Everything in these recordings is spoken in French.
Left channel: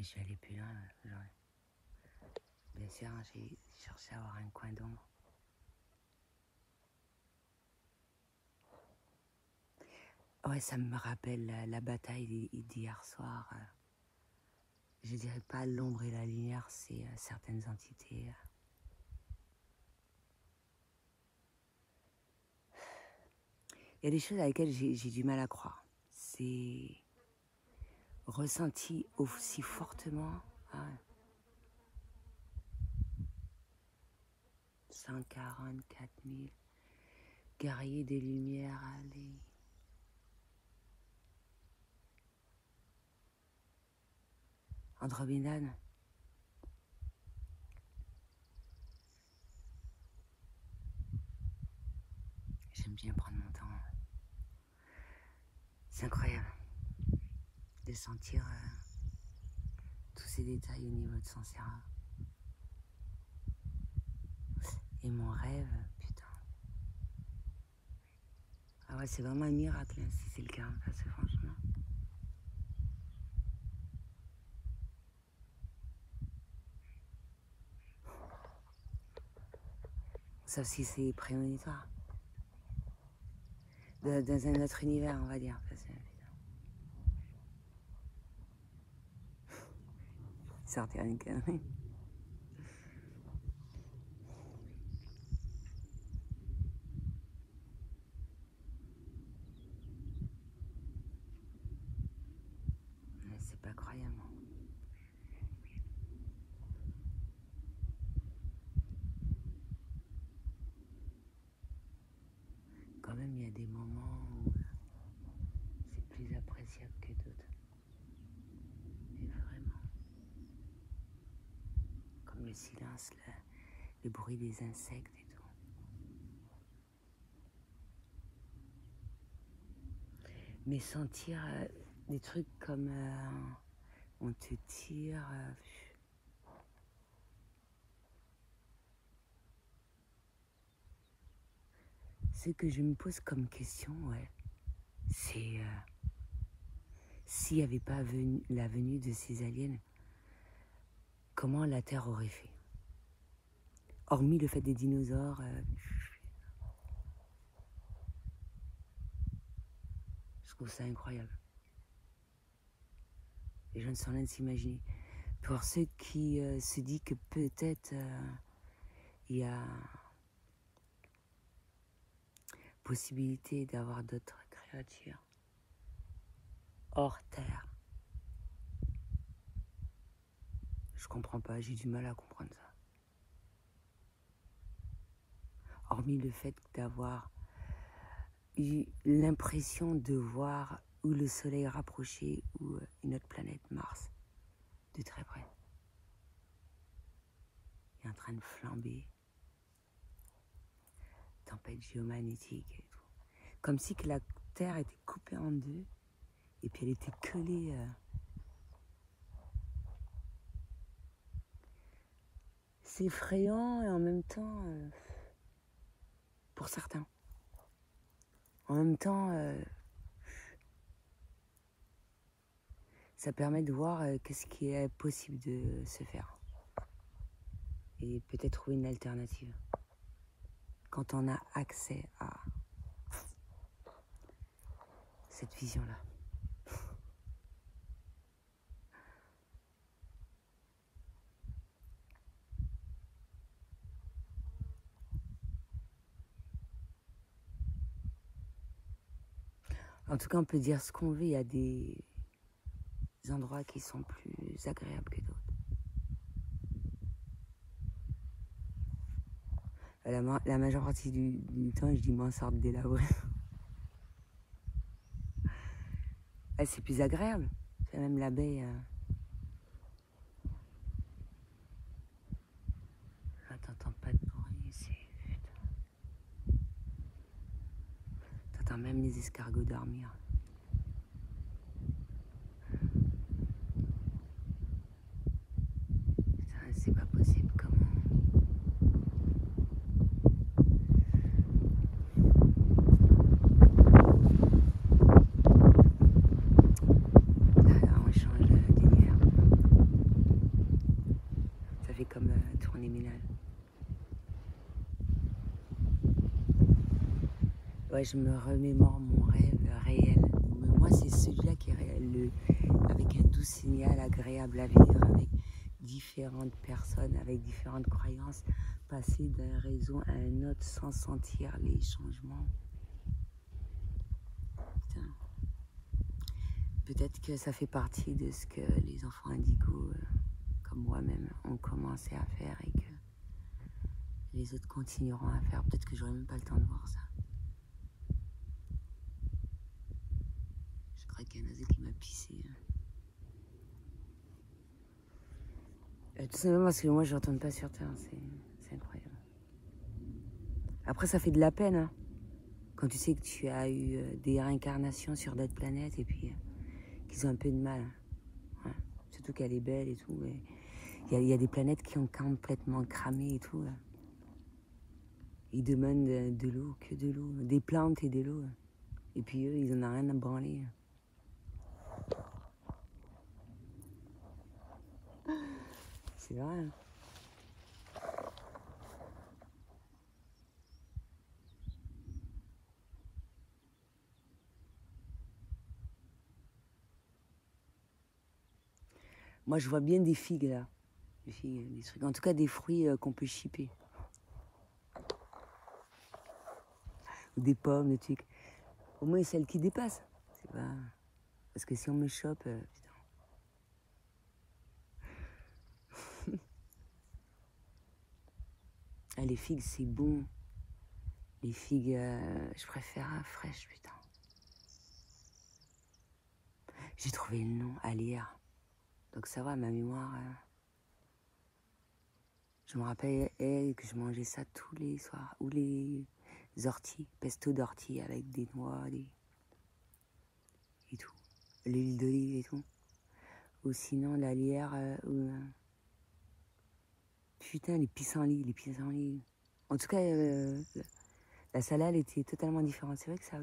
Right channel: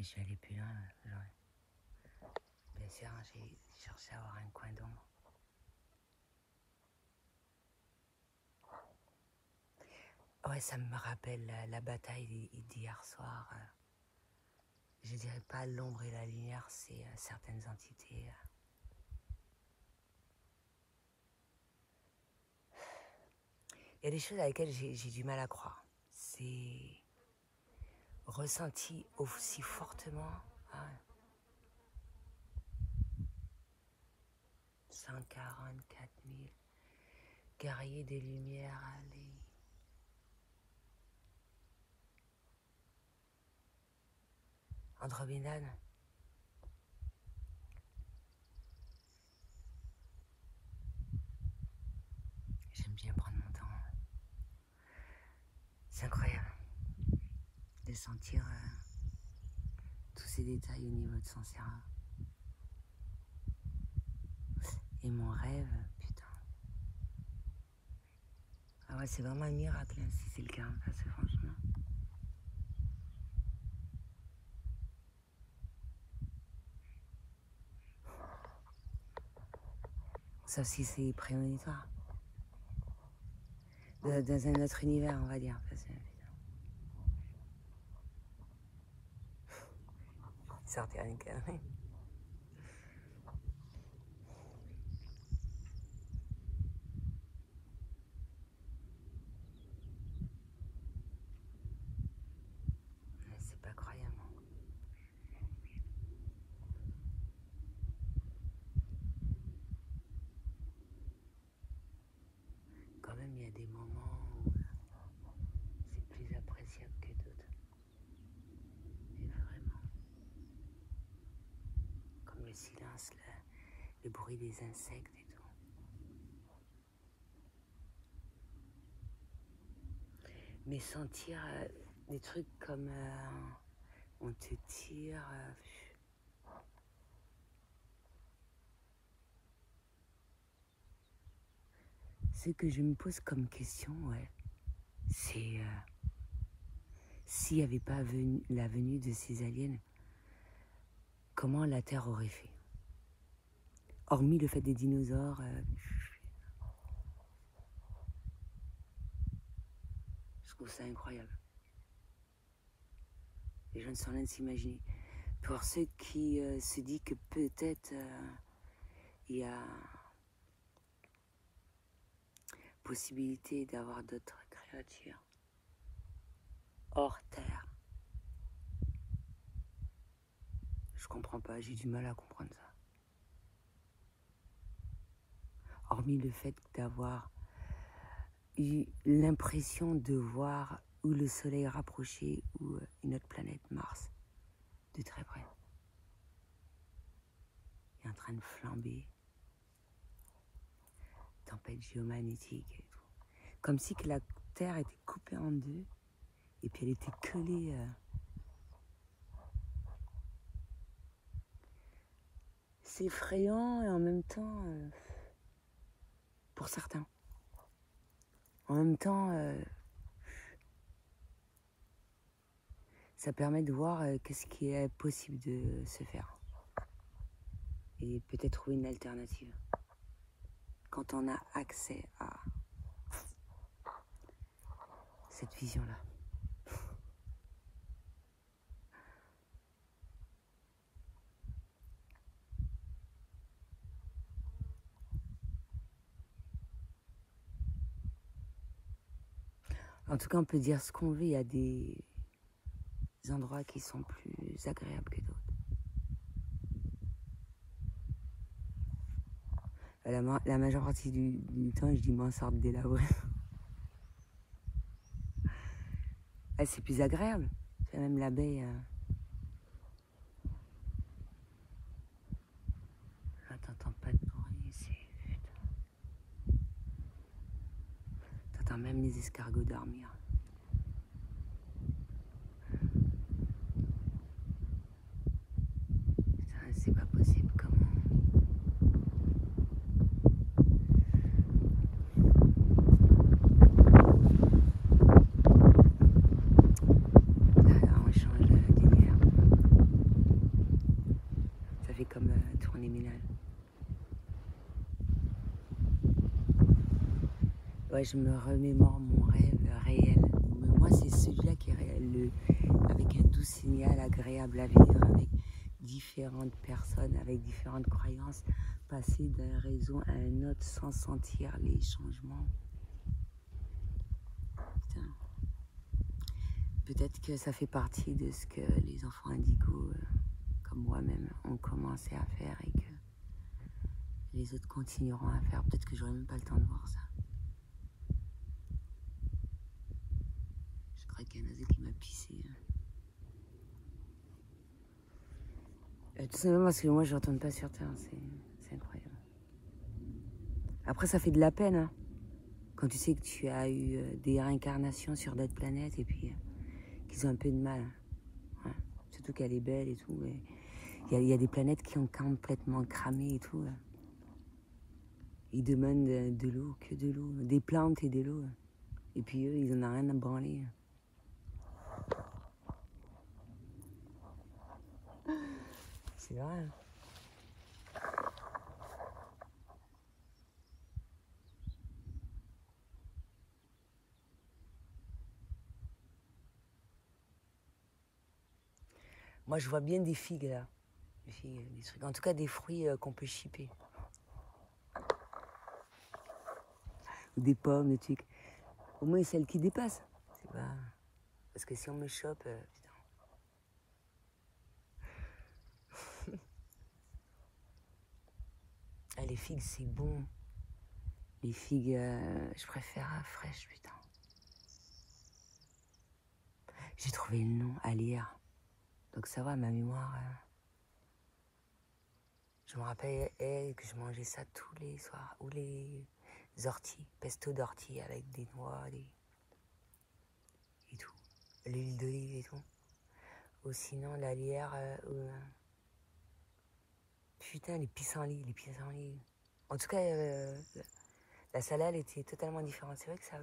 Et je n'allais plus là. Voilà. Bien sûr, j'ai cherché à avoir un coin d'ombre. Ouais, ça me rappelle la bataille d'hier soir. Je dirais pas l'ombre et la lumière, c'est certaines entités. Il y a des choses avec lesquelles j'ai du mal à croire. C'est ressenti aussi fortement. 144 000 guerriers de lumière. Allez. Andromeda. J'aime bien prendre mon temps. C'est incroyable de sentir tous ces détails au niveau de Sansera. Et mon rêve, putain. Ah ouais, c'est vraiment un miracle hein, si c'est le cas, parce que franchement. Sauf si c'est prémonitoire. Dans un autre univers, on va dire. Parce que... sortir une connerie. C'est pas croyable. Quand même, il y a des moments où c'est plus appréciable que d'autres. Mais vraiment. Comme le silence, le bruit des insectes et tout. Mais sentir des trucs comme on te tire. Ce que je me pose comme question, ouais, c'est s'il n'y avait pas la venue de ces aliens, comment la Terre aurait fait? Hormis le fait des dinosaures. Je trouve ça incroyable. Les gens ne sont rien de s'imaginer. Pour ceux qui se disent que peut-être il y a possibilité d'avoir d'autres créatures hors terre. Je comprends pas, j'ai du mal à comprendre ça. Hormis le fait d'avoir eu l'impression de voir ou le soleil rapproché ou une autre planète, Mars, de très près. Il est en train de flamber. Tempête géomagnétique et tout. Comme si que la Terre était coupée en deux et puis elle était collée. C'est effrayant et en même temps, pour certains, en même temps, ça permet de voir qu'est-ce qui est possible de se faire et peut-être trouver une alternative quand on a accès à cette vision-là. En tout cas, on peut dire ce qu'on veut, il y a des endroits qui sont plus agréables que d'autres. La majeure partie du temps, je dis m'en sorte de là, ouais. C'est plus agréable. C'est même l'abeille. T'entends pas de bruit ici. T'entends même les escargots dormir. C'est pas possible, comment? Alors, on change d'univers. Ouais, je me remémore mon rêve réel. Moi, c'est celui-là qui est réel, avec un doux signal agréable à vivre, avec différentes personnes, avec différentes croyances, passer d'un réseau à un autre sans sentir les changements. Putain. Peut-être que ça fait partie de ce que les enfants indigos, comme moi-même, ont commencé à faire et que les autres continueront à faire. Peut-être que j'aurai même pas le temps de voir ça. Je crois qu'il y a un oiseau qui m'a pissé. Tout simplement parce que moi je ne retourne pas sur Terre, c'est incroyable. Après ça fait de la peine, hein, quand tu sais que tu as eu des réincarnations sur d'autres planètes et puis qu'ils ont un peu de mal. Ouais. Surtout qu'elle est belle et tout. Il y a des planètes qui ont complètement cramé et tout. Là. Ils demandent de l'eau, que de l'eau, des plantes et de l'eau. Et puis eux, ils en ont rien à branler. C'est vrai. Moi, je vois bien des figues, là. Des figues, des trucs. En tout cas, des fruits qu'on peut chipper. Ou des pommes, des trucs. Au moins, celles qui dépassent. Parce que si on me chope... Ah, les figues, c'est bon. Les figues, je préfère fraîches, putain. J'ai trouvé le nom, à lire. Donc ça va, ma mémoire... Je me rappelle que je mangeais ça tous les soirs. Ou les orties, pesto d'ortie avec des noix et tout. L'huile d'olive et tout. Ou sinon la lierre putain, les pissenlits, les pissenlits. En tout cas, la salade était totalement différente. C'est vrai que ça a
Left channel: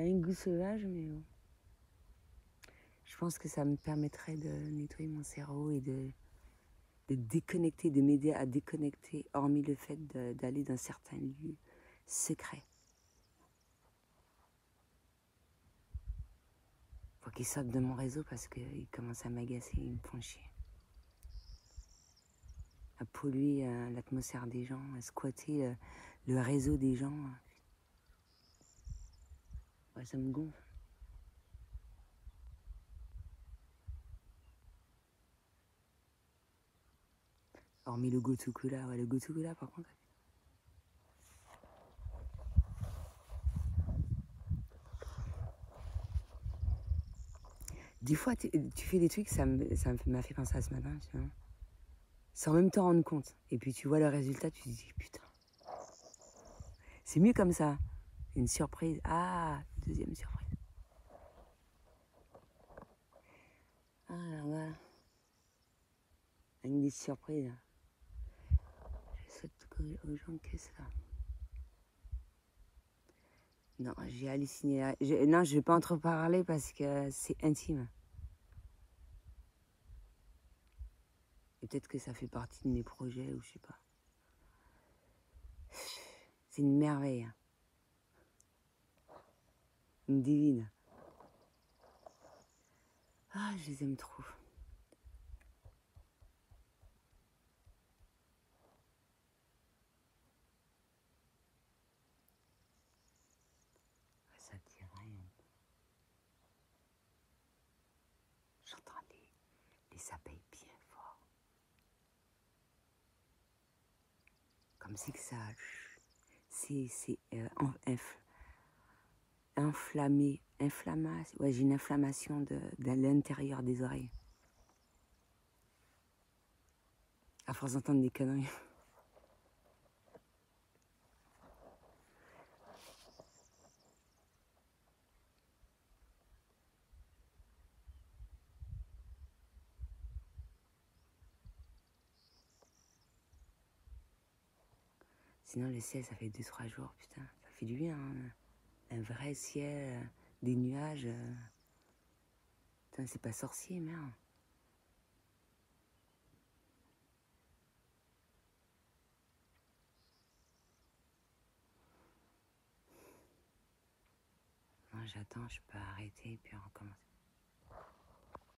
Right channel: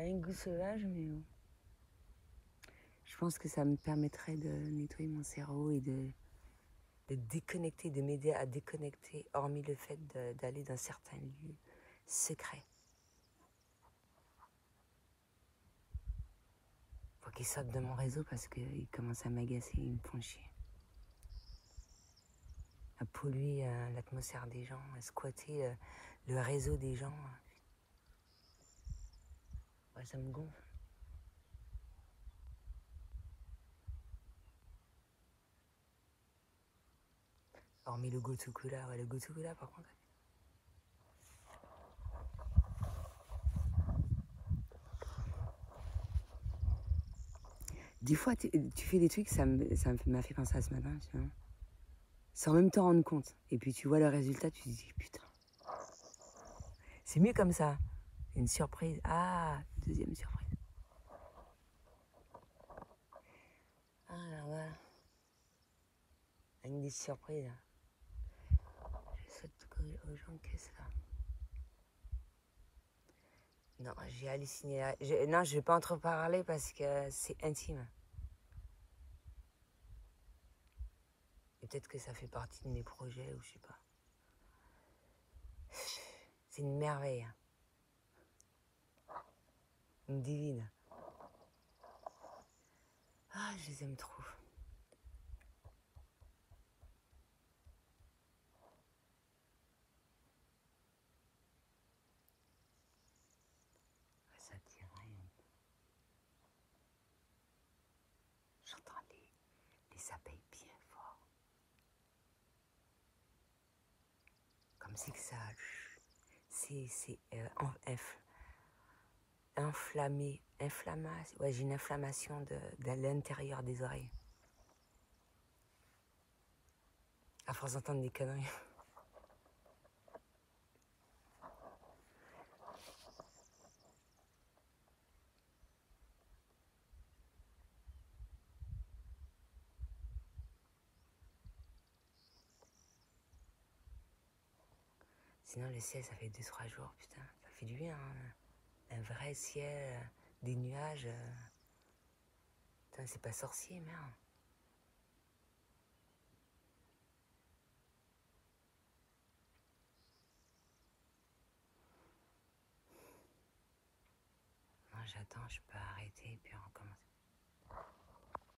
un goût sauvage, mais je pense que ça me permettrait de nettoyer mon cerveau et de déconnecter, de m'aider à déconnecter, hormis le fait d'aller dans certains lieux secrets. Faut qu'ils sortent de mon réseau parce qu'ils commencent à m'agacer, ils me font chier. À polluer l'atmosphère des gens, à squatter le réseau des gens. Ouais, ça me gonfle. Hormis le Gotukula, ouais, le Gotukula par contre. Des fois, tu fais des trucs, ça m'a fait penser à ce matin, tu vois. Sans même t'en rendre compte. Et puis tu vois le résultat, tu te dis, putain. C'est mieux comme ça. Une surprise. Ah, deuxième surprise. Ah là là. Une surprise. Aux gens que ça. Non, j'ai halluciné. Non, je vais pas en trop parler parce que c'est intime. Peut-être que ça fait partie de mes projets ou je sais pas. C'est une merveille. Une divine. Ah, je les aime trop. Ça dirait. J'entends les abeilles bien fort. Comme si que ça. C'est inflammé. Inflammation. Ouais, j'ai une inflammation de l'intérieur des oreilles. À force d'entendre des conneries. Sinon, le ciel, ça fait 2-3 jours, putain. Ça fait du bien, hein. Un vrai ciel, des nuages. Putain, c'est pas sorcier, merde. j'attends, je peux arrêter et puis recommencer.